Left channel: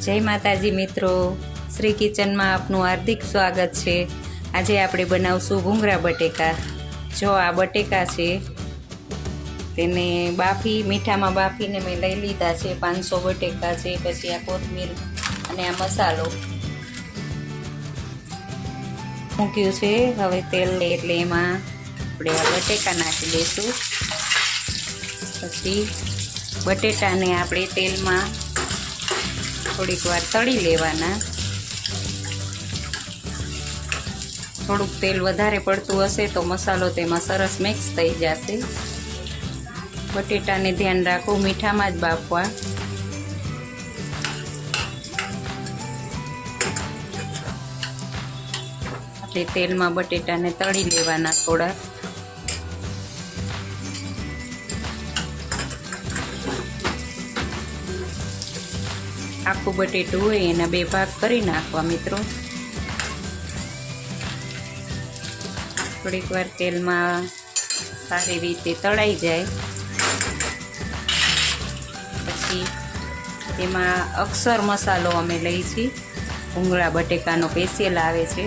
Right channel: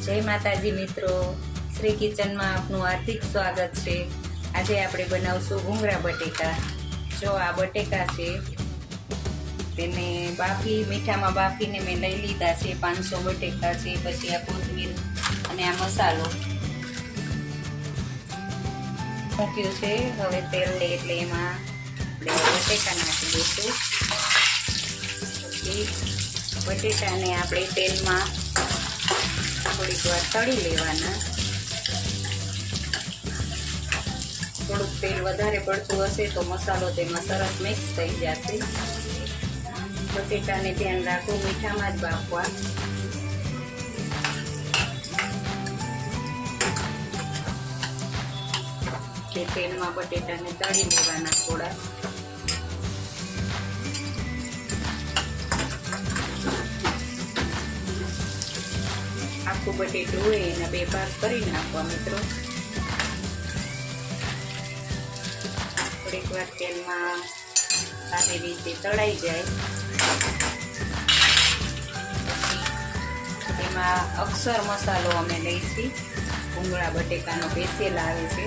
જય માતાજી મિત્રો, શ્રી કિચનમાં આપનું હાર્દિક સ્વાગત છે। આજે આપણે બનાવશું ભૂંગળા બટેકા। જો આ બટેકા છે તેને મીઠામાં બાફીને મેં લઈ લીધા છે। 500 બટેકા છે। પછી આ કોથમીર અને આ મસાલો મૂક્યું છે। હવે તેલ લે એટલે એમાં આપણે બટેકા નાખી દઈશું। પછી બટેટાને આપણે તેલમાં થોડીક વાર તળી લેવાના। થોડુંક તેલ વધારે પડતું હશે તો મસાલો તેમાં સરસ મિક્સ થઈ જશે। બટેટાને ધ્યાન રાખો મીઠામાં જ બાફવા। એટલે તેલમાં બટેટાને તળી લેવાના થોડા। આખું બટેટું હોય એના 2 ભાગ કરી નાખવા મિત્રો। થોડીક વાર તેલમાં સારી રીતે તળાઈ જાય પછી તેમાં અક્ષર મસાલો અમે લઈ છીએ। ભૂંગળા બટેકાનો સ્પેશિયલ આવે છે।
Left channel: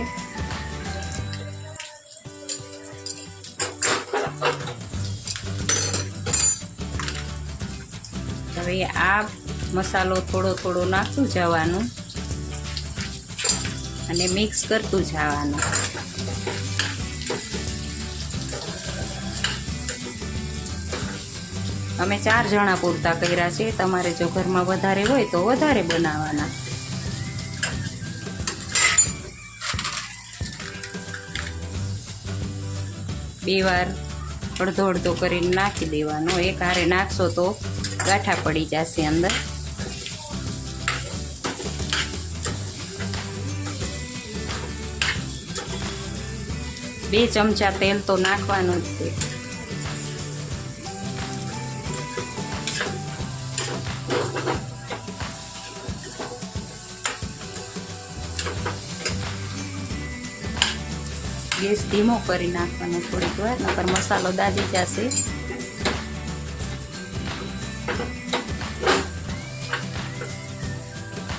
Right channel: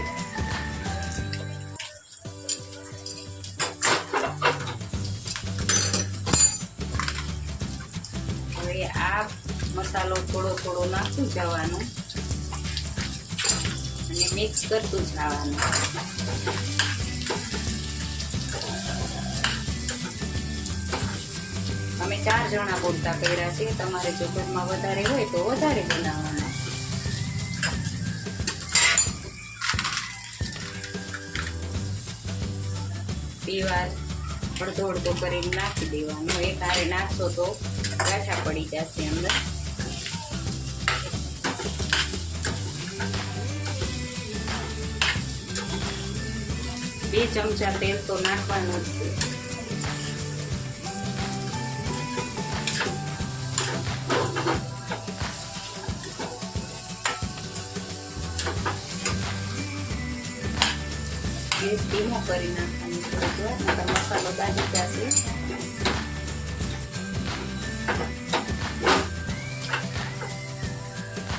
હવે આ મસાલો થોડો નાખતું જવાનું અને મિક્સ કરતું જવાનું। અમે 4 જણા પૂરતા કર્યા છે। તમારે જો ઘરમાં વધારે હોય તો વધારે બનાવવાના। બે વાર અડધો અડધો કરીને નાખી દેવાનો। એક હારે નાખશો તો ગાંઠા પડી જશે અંદર। બે ચમચા તેલ તો નાખવાનું જ છે। ગેસ ધીમો કરી નાખવાનો થોડીક વાર, નકર મસાલો દાજી જશે।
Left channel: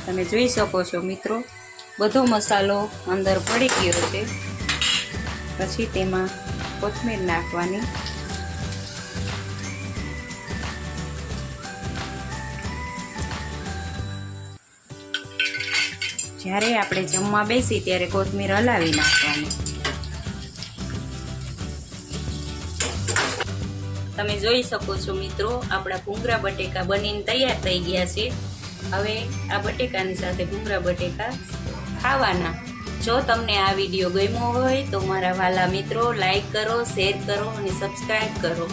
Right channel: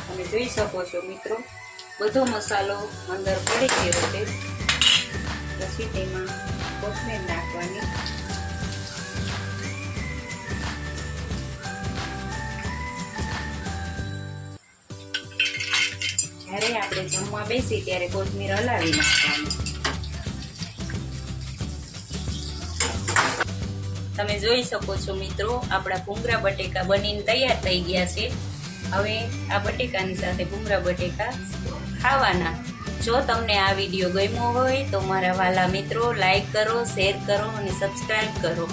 તમે જોઈ શકો છો મિત્રો, બધો મસાલો અંદર પડી ગયો છે। પછી તેમાં કોથમીર નાખવાની। જ્યારે આપણે જમવા બેસી ત્યારે કોથમીર હલાવી નાખવાની। તમે જોઈ શકો છો મિત્રો, આપણા ભૂંગળા બટેકા બનીને તૈયાર થઈ ગયા છે। હવે આ બટેકાની સાથે ભૂંગળા બટેકા ખાવાના। જો તમને આ વિડીયો ગમ્યો હોય તો મારા વાલા મિત્રો લાઈક કરો, શેર કરો અને સબસ્ક્રાઈબ કરો।